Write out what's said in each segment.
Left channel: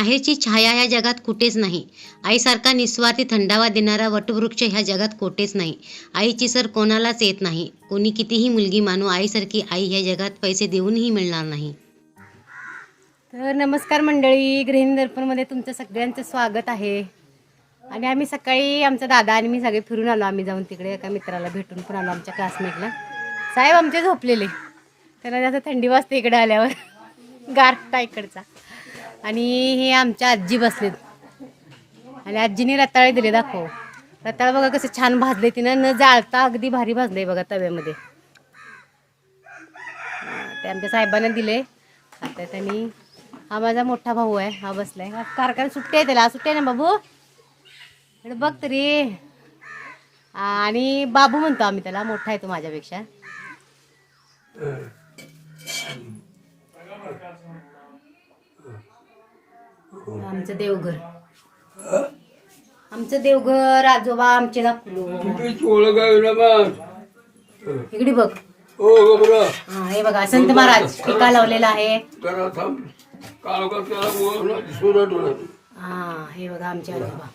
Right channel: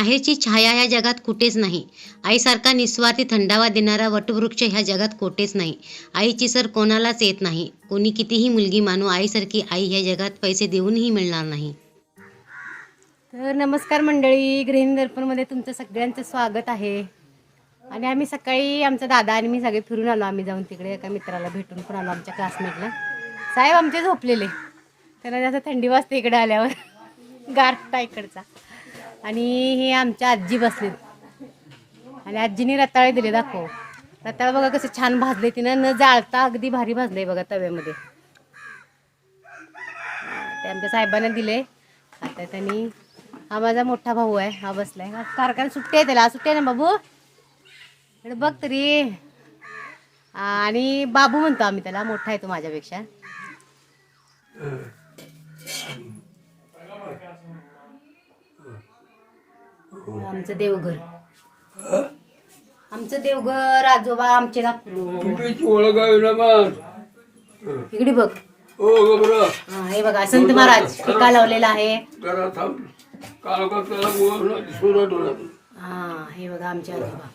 माहेरची छाया ह्या जगात कुठेच नाही. आईसारखा निस्वार्थी थंडावा देणारा वटवृक्ष ह्या जगात कोठेच नाही. आईची सर कोणालाच येत नाही. कोणी कितीही मुलगी मानू, आईसारखी आई ह्या जगात पैसे देऊनही मिळणार नाही. तर नमस्कार मंडळी, गृहिणी दर्पणमध्ये तुमचं सगळ्यांचं स्वागत आहे. आणि आम्ही सकाळी आमचा दादा आणि मी सगळे फिरून आलो. आम्ही जाऊन तिकडे एका मित्राला भेटून पण आलो, आमच्या क्लासमेटला. साहेब आमचे झोपलेले, त्यांना जास्त थंडी वाजते इकडे आल्यावर, गारठा इकडचा. आणि हे आमच्या आजी बसलेत आणि आजीने रताळे दिले. दाखव रताळ बघा कसं छान भाजले तिनं, न जाळता अगदी भारी भाजले बघा तव्यामध्ये. ते आमच्या साहेबांना दिले आता. त्यांनी हा माझा मोठा भाऊ आहे, हा बसलाय. कारखाना सुट्टी आहे त्याला, सुट्टी आहे ना बाबू, इकडे बघ तरी. आणि बाबू म्हणतो आम्ही त्याला, मोठा आहे तो माझ्यापेक्षा. आमचं देवघर, आमचं देवघर, आजोबा आमचे दाखवलो. इकडे बघ. हा हे बघा संत महाराज टीका लावलेला आहे. हा हे बघा आमचे आजोबा.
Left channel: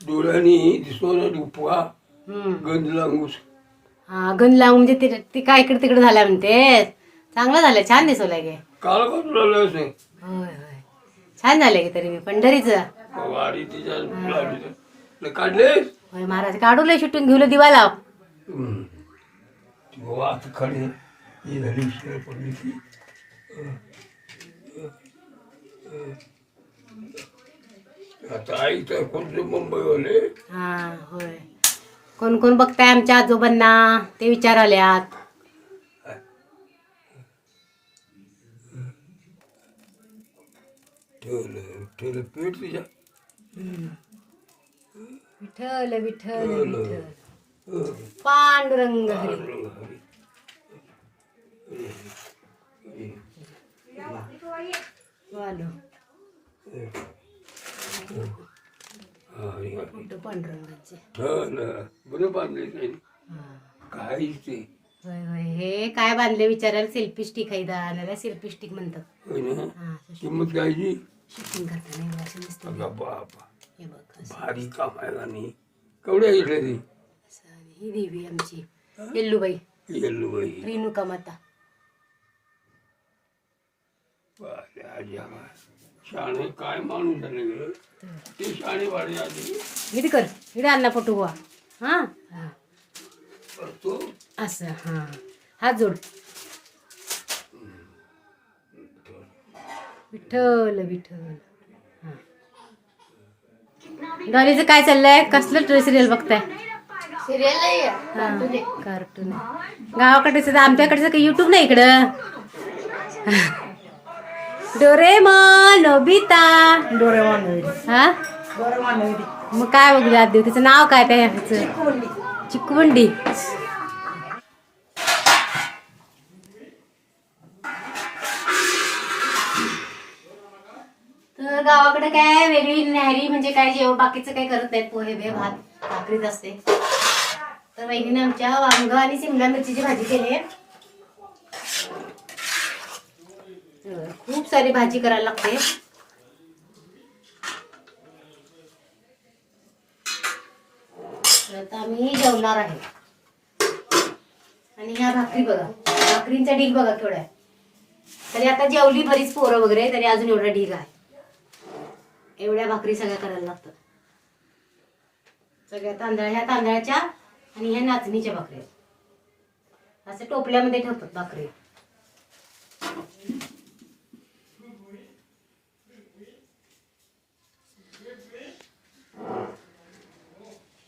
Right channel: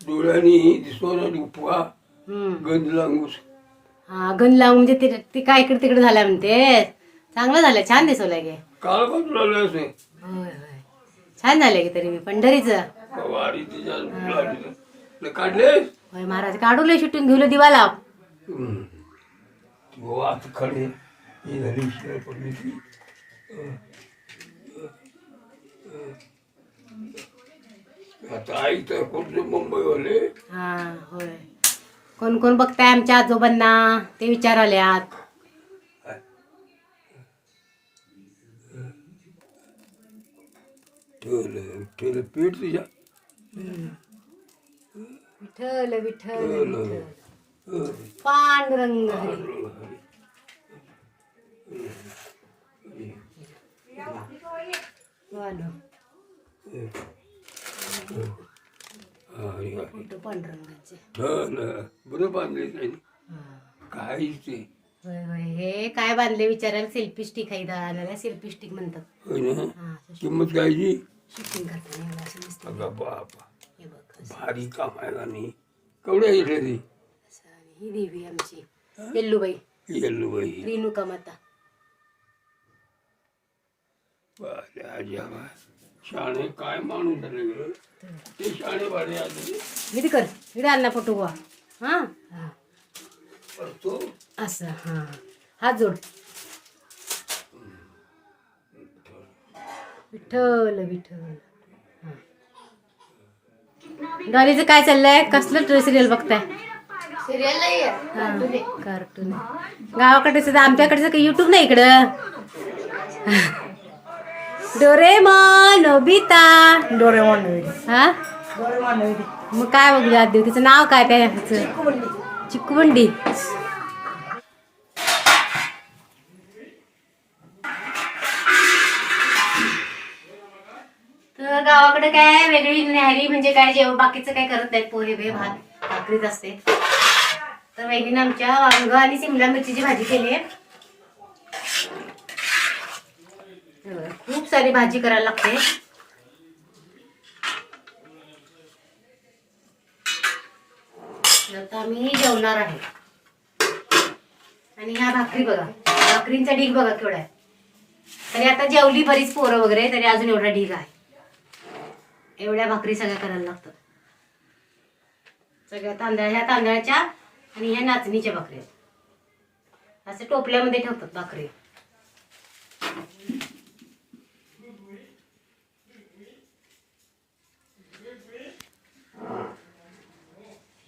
डोळ्यानी दिसतो गंज लांगूस. हा गंज लावून म्हणजे ते काय इकडे तिकडे झाल्या म्हणते. चांगलं झालं, छान दिसवलंय गे. काल का तुला होय होय छान झालंय की. तरी मी पंढरीचं काढले होय महाराज काढू लय शूटिंग घेऊन दिवा लाव. आता खडे ही झाली पडली. आता आई तर कोणते मुंबईवाले. हा होय. कोण कोण बघताय आमच्या आजोबांना ते विचाराल्यात. ठेवलं पीठ तुझ्या. विठ्ठल विठ्ठल विठ्ठल पांडुरंग हरी. फोटो पांडुरंगाचे. बरं बांधले काय ते. होय होय हे काय बांधले विचारायला. सेल्फी स्टिक आहे दादा, सेल्फी स्टिक म्हणतात. किंमत घ्यायची. शूटिंग करताना बापा हे बघ भारी काम आहे का नाही. केवढ्या घेतल्या ती. ही देवी आमची येल्लूबाई, येल्लूबाई रेणुका माता. शाणे काय माणूस झाले ते. शाणे वाढे आधी इथे कर, इकडे आणला फोटो गोवा. हा हा करतो असं. हा हात जोड. विठ्ठल विठ्ठल. हा डॉलीचं काय चाललंय, कसलं सिरियल बघताय. कार्टून गावाकडे सुद्धा, आमच्याकडे काही युट्यूब नाही इकडं. Doraemon, Nobita, Doraemon. हा मग काय बघू आज देऊ. तिचं नाव काय त्या ह्याचं, चिक्कुबंडी. तर गावाकडे काय वेगळी न्याहारी म्हणजे काय, जेवण बाकीचं काय करत नाहीत. पोहे बे भात भाकरीच असते. तर वहिनीने आमच्या वांग आणि शिमला मिरचीची भाजी केली आहे. खूप सारी भाजी करायला लागते. आता आम्ही जेवणार आहे. आणि ह्या भाकरी बघा, भाकरींचा ढीग बघा केवढा आहे. तरी आता जेवली बरीच पोरं वगैरे, तरी अजून एवढा ढीग आहे. एवढ्या भाकरी सगळ्या करायला लागतात. सगळ्या ह्या तांदळाच्या आणि ह्या नाचणीच्या भाकरी असं टोपल्यामध्ये ठेवतात भाकरी.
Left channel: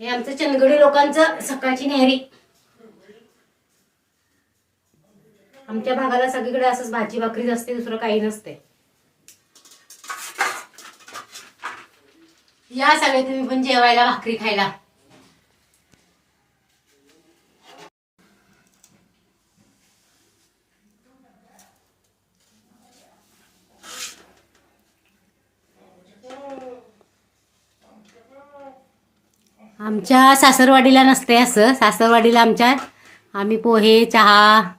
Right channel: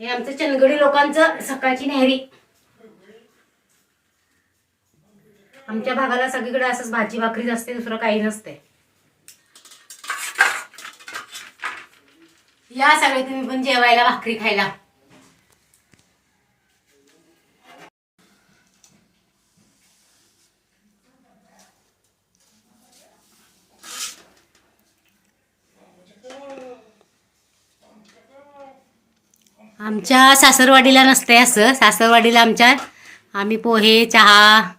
हे आमचं चंदगडी लोकांचं सकाळची न्याहारी. आमच्या भागाला सगळीकडे असंच भाजी भाकरीच असते, दुसरं काही नसते. या सगळे तुम्ही पण जेवायला, भाकरी खायला. आमच्या सासरवाडीला नसते असं. सासरवाडीला आमच्या आम्ही पोहे, चहा,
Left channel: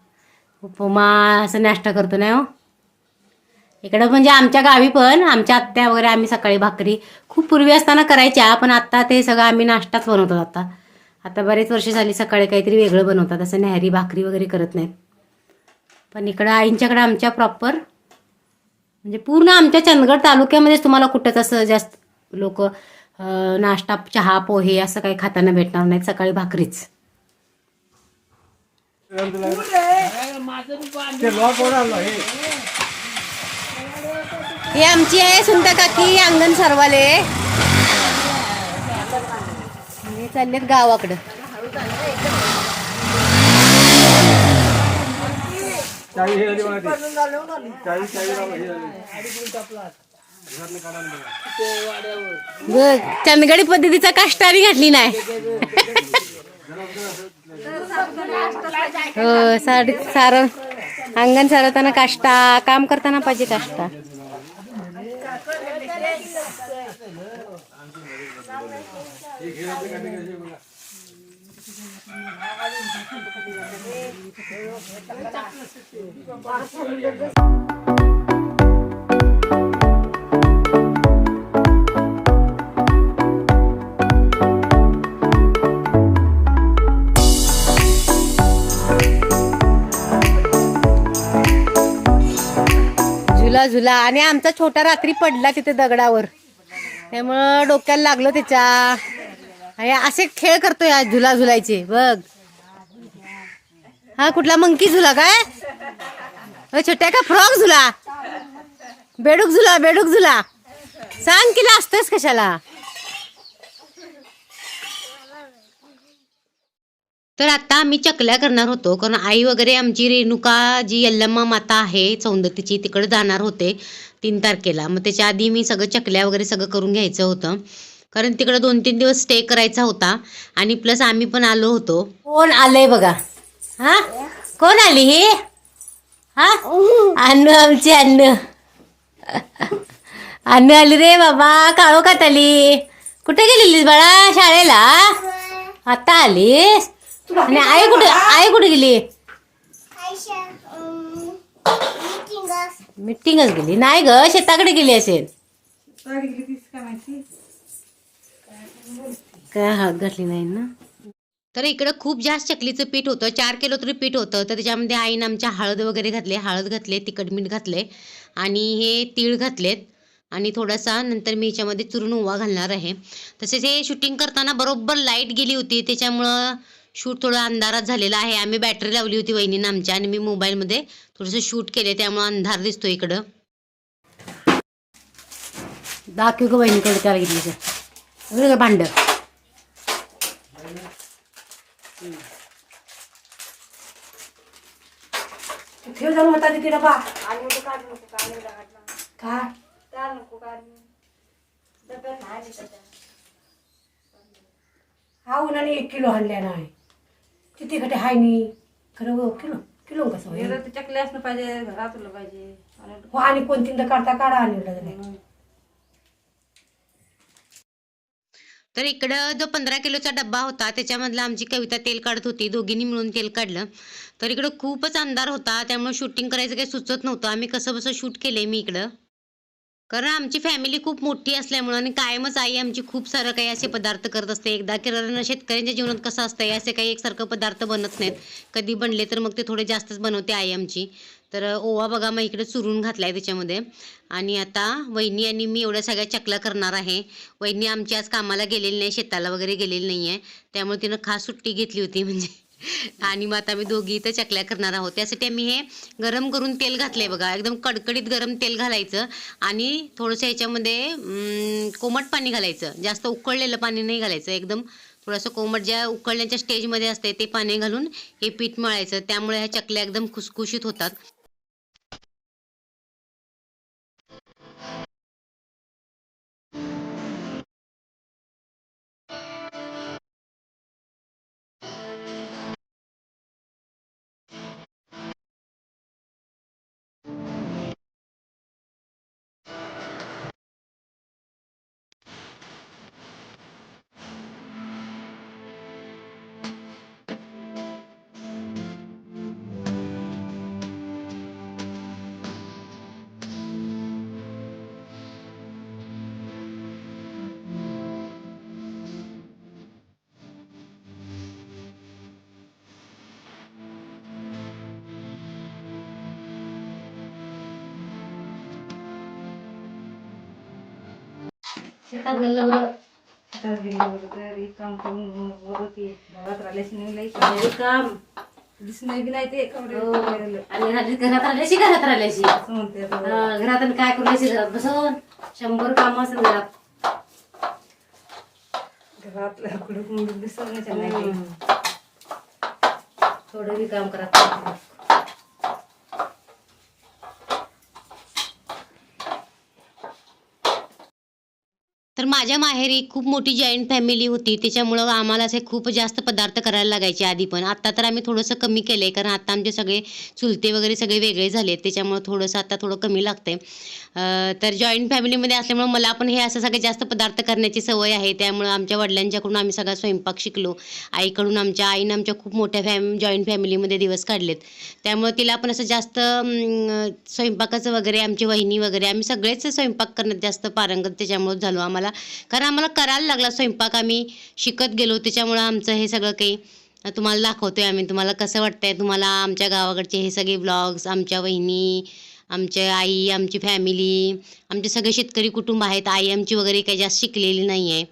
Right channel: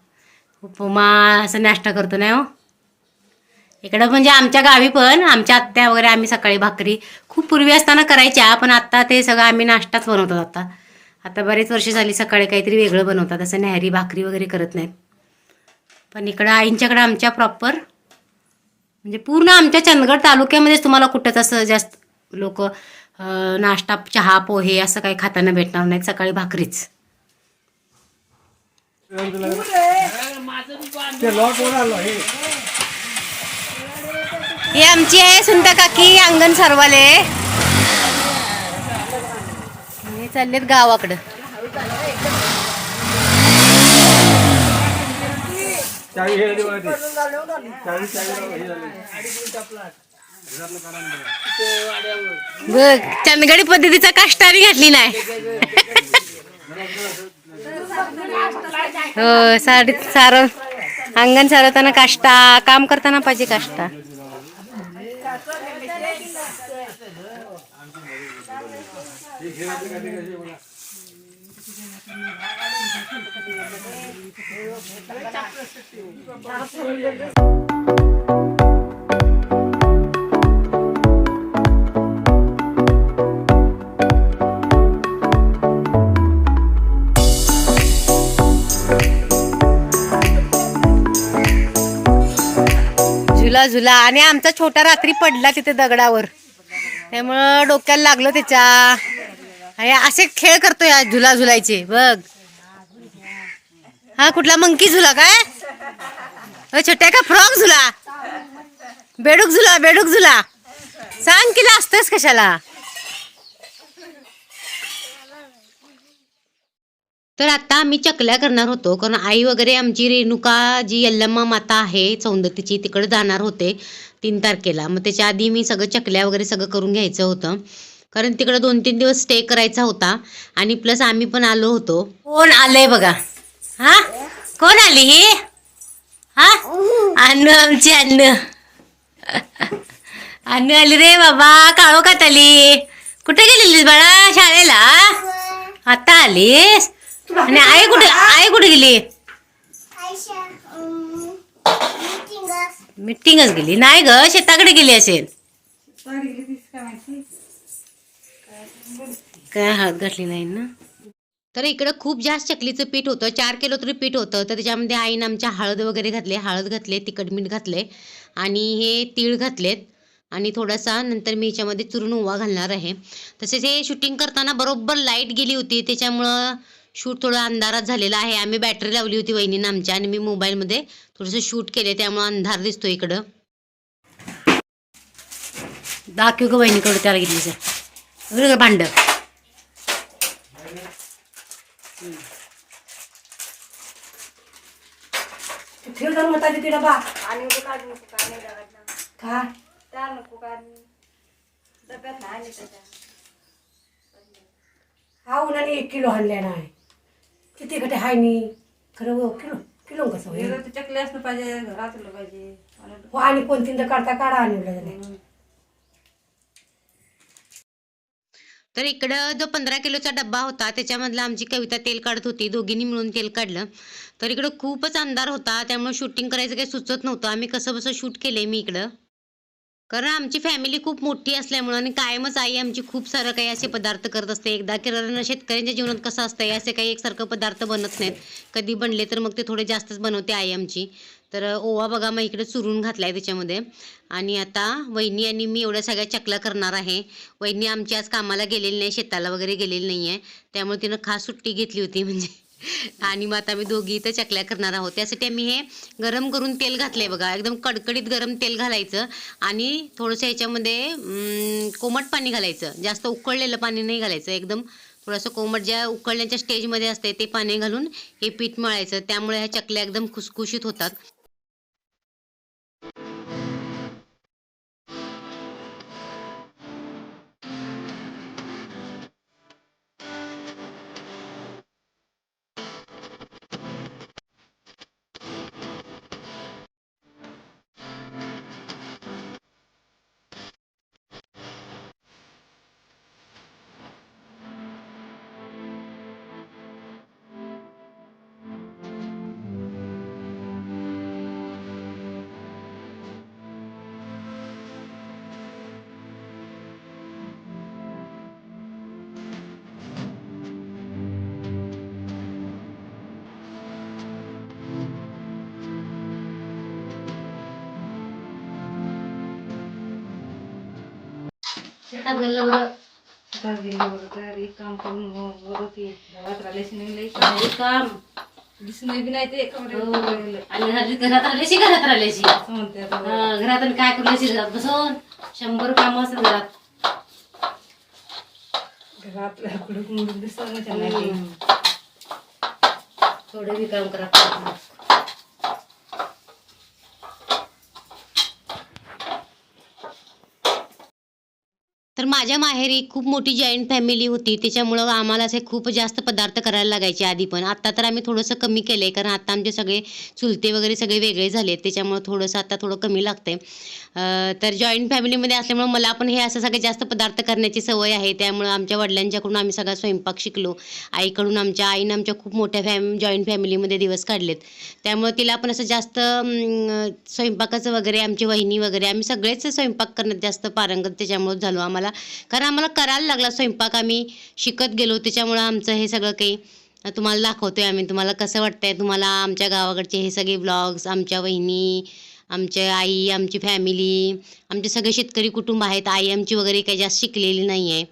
उपमा असं नाश्ता करतो नाही हो. इकडं म्हणजे आमच्या गावी पण आमच्या आत्या वगैरे आम्ही सकाळी भाकरी खूप पूर्वी असताना करायच्या, पण आता ते सगळं आम्ही नाश्ताच बनवतो. आता आता बरेच वर्ष झाली सकाळी काहीतरी वेगळं बनवतात, असं न्याहारी भाकरी वगैरे करत नाहीत. पण इकडं आईंच्याकडं आमच्या प्रॉपर म्हणजे पूर्ण आमच्या चंदगड तालुक्यामध्येच तुम्हाला कुठंच असं जास्त लोक नाश्ता चहा पोहे असं काही खाताना भेटणार नाहीत, सकाळी भाकरीच. ही आमची आहे सुनता काकी अंगण सरवाले आणि चाललेत गावाकडं. बघ चंदगडी पद्धतीचा काष्टारी घातली नाही. हो साडी सारं अंगण सारवताना काष्टा, काम करताना पाहिजे काष्टा. झुला झुला आणि आमचा छोटा रात्री पडला तिथे दगडावर, त्यामुळं डोक्याला लागलं त्याच्या. असे खेळ करतोय आज झुला झुलायचे बघ. हा कुठला मंकी झुला काय छोट्या का फ्रॉक झुला, बेडूक झुला, बेडूक झुला सांग किला असतंच कशाला. तर आता आम्ही चकल्या करणार होतो, कारण आई वगैरे आमची रेणुका जी यल्लम्मा माता आहे सौंदतीची तिकडे जाणार होते 3 तारखेला. मग त्याच्या आधी मी सगळं चकल्या वगैरे सगळं करून घ्यायचं होतं, कारण तिकडे 2-3 दिवस स्टे करायचा होता. आणि प्लस आम्ही पण आलो होतो. कोण आलंय बघा. हा कोण आली ही? हा अन्न आमची अन्न अन्न आली रे बाबा. काळोखात आली. कुठे गेलेलीस बाळा? शाळेला आता आलीस. आणि आई कुठे, आई कुठे गेली? मीटिंगच गेली नाही ग, शेताकडे गेली असेल. काय हात घातली नाही ना. तर इकडं खूप जास्त चकलीचं पीठ होतं, 4 किलो तरी पीठ होतं. तर त्याच्यामध्ये आईनं आमच्या हळद वगैरे घातले, हळद घातले, तिखट मीठ घातले आणि हे तीळ घातलेत आणि थोडासा नंतर मी ह्याच्यामध्ये चुरून ओवा घालणार आहे. तसेच हे शूटिंग करताना बरोबर लाईट गेली होती, त्याच्यामुळं शूट थोडं अंधारात झालेला आहे. आम्ही बॅटरी लावली होती वहिनीनं आमच्या आणि मी मोबाईलमध्ये थोडंसं शूट केले, त्यामुळं अंधार दिसतो इकडं. दाखव ग बहिणीकडे त्याला घेतलीच भांड. ठेव जाऊन होता तिथे डबा का हा उन्हाने 1 किलो आणल्या नाही किती गटे हाय नी खरं किलो किलो कसं होईल? चकली असलं पाहिजे, घरात पाहिजे हो आणि कोणतींदा काढता काढा आणलं. तर इकडं जो 15 किलोचा डब्बा होता त्याच्यामधला आमची कविता तेल काढत होती, दोघींनी मिळून तेल काढलं. तर इकडं खूपच अंधार होता, त्यामुळे शूटिंग करायचं काही सुचत नव्हतं. आम्ही कसं बसं शूट केलंय मी इकडं, कारण आमची फॅमिली खूप मोठी असल्यामुळं आणि कायमच आई आमची खूप सारं काही असे पदार्थ करत असते. एकदा केल्यानं शेतकऱ्यांच्या जीवनात कसं असतंय, असे काही एकसारखं पदार्थ बनत नाहीत. कधी बनले तर मग ते थोडे जास्तच बनवते आई आमची. तर ओवा बघा मग इकडे चुरून घातलाय त्याच्यामध्ये. आणि आता वहिनी आणि मी एवढ्या सगळ्या चकल्या करणार आहे. वहिनी आमची आज कामाला गेलेली नाही, शेताला वगैरे गेलेली नाही आहे, त्यामुळे तिनं खास सुट्टी घेतली होती म्हणजे. आणि मग आता आम्ही दोघी इथं चकल्या करणार आहोत. त्यासाठी आम्ही हे गरम करून तेल घातलंय बघा, एकदम कडकडीत गरम तेल घालायचं आणि थोडंसं ह्याच्यामध्ये कोमट पाणी घालायचं. जास्त उकळलेलं पाणी नाही घालायचं, एकदम थोडंसं कोमट ज्या उकळण्याच्या स्टेजमध्ये असते ते पाणी घालून हे पीठ मळायचं. त्यामुळे ह्या चकल्या एकदम खुसखुशीत होतात. शेतात गेलं बरं. शेतात गेली बरोबर घरी काम करून बरोबर ते गावात राहिल्याशी नाही लई घरी काम दिसून बी नाही ते कपडे हो. वगैरे. आणि घरात राहिल्याशी असं म्हणते आता. घरात आणि काय करू घरात बसून 100 कामं असतात घरात. घरातल्या कुडूक मुडूक दिसत नाही त्यांना ते. थोडं बी काम करा. तर माझ्या माहेरी खूप मोठी जॉईंट फॅमिली होती, त्याच्यामुळं आम्हाला असे खूप जास्त पदार्थ करायला लागायचे आधी. पण आता तर आम्ही थोडंसं कमी केलं आहे, कारण आता आमचे सगळे चुलते वगैरे सगळे वेगळे झाले आहेत, त्याच्यामुळं थोडंसं आता थोडं कमी लागतं तर जॉईंट फॅमिलीमध्ये असल्यामुळं मला पण हे असं सगळे जास्त पदार्थ करण्याची सवय आहे. त्यामुळं आमच्या वडिलांच्याकडून आम्ही सगळा स्वयंपाक शिकलो. आईकडून आईनं आमच्या खूप मोठ्या जॉईंट फॅमिलीमध्ये दिवस काढलेत, त्यामुळं तिला पण असं जास्त स्वयंपाकाचं वगैरे, आमची वहिनी वगैरे आम्ही सगळेच स्वयंपाक करण्यात जास्त पारंगत त्याच्यामुळं झालो आम्हाला. कारण आम्हाला करायला लागला स्वयंपाक, आम्ही शिकत गेलो, त्याच्यामुळं आमचं हे सगळं काही तुम्हाला दाखवतोय आम्ही. तुम्हाला कसं वाटतंय तुम्हाला आमच्या गावाकडचे हे सगळे व्लॉग्स, आमच्या वहिनी, आमच्या आई, आमची फॅमिली, आमचे सगळे शेतकरी कुटुंब आहेत. आई आमची वगैरे काही जास्त शिकलेली नाही आहे.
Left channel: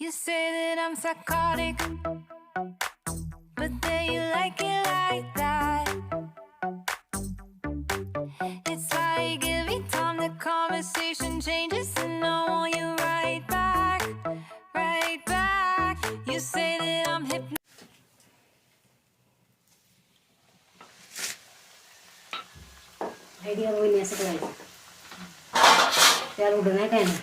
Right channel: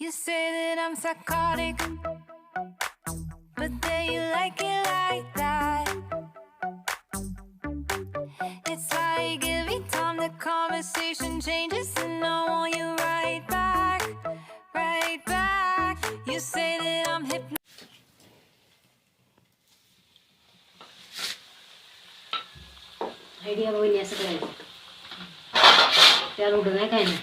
You say that I'm psychotic, but then you like it like that. It's like every time the conversation changes, and I want you right back, right back. You say that I'm hypnotized. Idea वहिनी असं करायचं. त्याला उडं नाही काय नाही.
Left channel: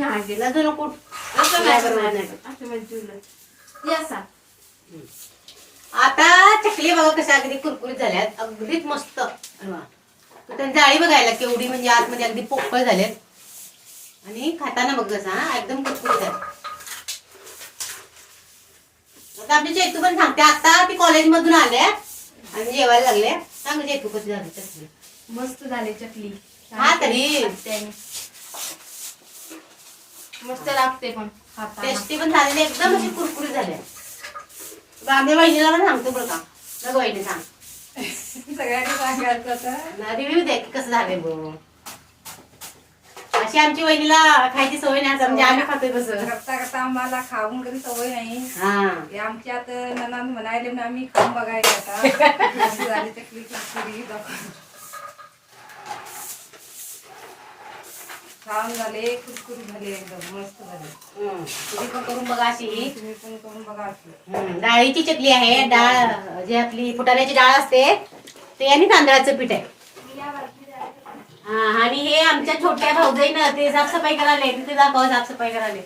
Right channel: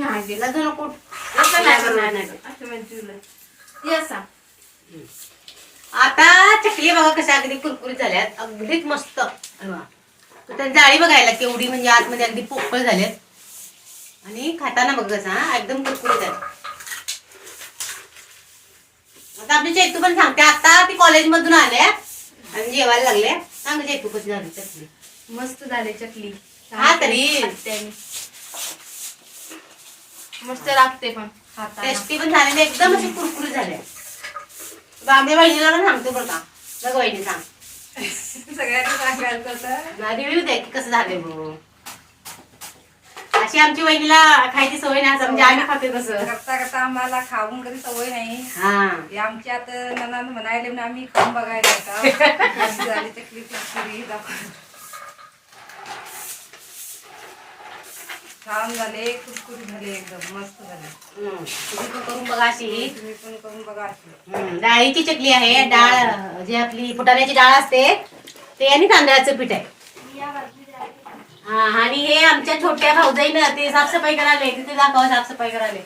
नाही गेला तर नको. असं नाही करणार नाही. असं म्हणजे तुला. हे असा. आता चकली बघा कशा अगदी कुरकुरीत झाल्यात, अगदीच मस्त. त्यांची जाळी बघायला केवढी, म्हणजे आतमध्ये अगदी पोकळ झाल्यात आणि खाताना बघ कसा एकदम कुरकुरीत आहे. आता आपली चैतू पण सांगते, आता ती कॉलेजमधून आल्या आणि जेवायला लागले. सांग चैतू कशी झाली चकली. मस्त झाले चकली. हा तरी त्याने मस्त लागते पण खाताना. टेस्टी पण झालेली, एकदम अशी कुरकुरीत झाल्या. आम्ही वहिनीला पण सांगतो बरं का. बघ वहिनी सांग, सगळ्यांनी सांगायचं होतं. रिव्ह्यू द्या की कसं झालंय बघ. अशी आमची वहिनीला खायची सवय नाही, म्हणजे आम्ही खातो कसं. करता करता आम्हाला खाऊन कधी सवय नाही. हा हे आमच्यात ननंद म्हणायले म्हणून आम्ही खाऊन बघायला आता. मस्त झाली चकली कुरकुरी. छान झाले, कुरकुरी झाले, एकदम मस्त झाले. तुम्ही पण करून बघा अशी. तुम्ही पण करून बघा अशी. डाळीची चकली आहे. डाळ जी आपली फुटाण्याची डाळ असते ते, आणि तांदळाचं पीठ आहे. हा, आणि हे आमच्या छोट्या भाऊजाईनं ते साफसफाई करायला, तिथे दाखवा साफसफाई करायला.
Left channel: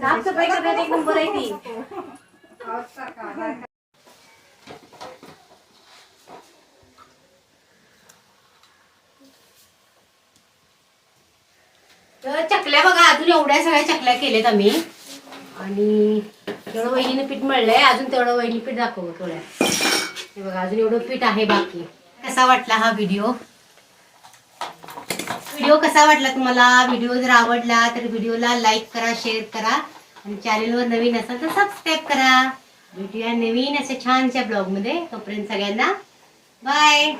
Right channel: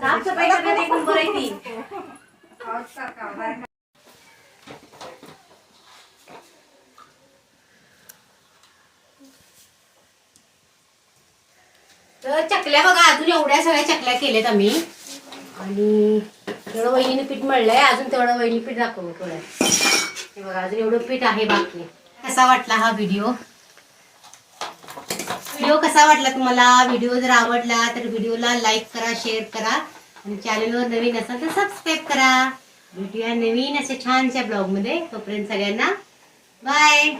साफसफाई करण्यात एक नंबर आहे ती. तर चकल्या बघा, अजून एवढ्या सगळ्या चकल्या केल्यात आम्ही. आणि तेवढं वहिनीने पीठ मळलंय, अजून तेवढं वहिनी पीठ दाखव थोड्या. हे बघा, अजून एवढं पीठ आहे बाकी. कसा वाटला हा व्हिडिओ कसा वाटला तुम्हाला? व्हिडिओ जर आवडला तर व्हिडिओला लाईक करा, शेअर करा, आणि चॅनलवर नवीन असाल तर सबस्क्राईब करा. भेटूया नवीन अशा छानशा ब्लॉगमध्ये. तोपर्यंत सगळ्यांना बाय.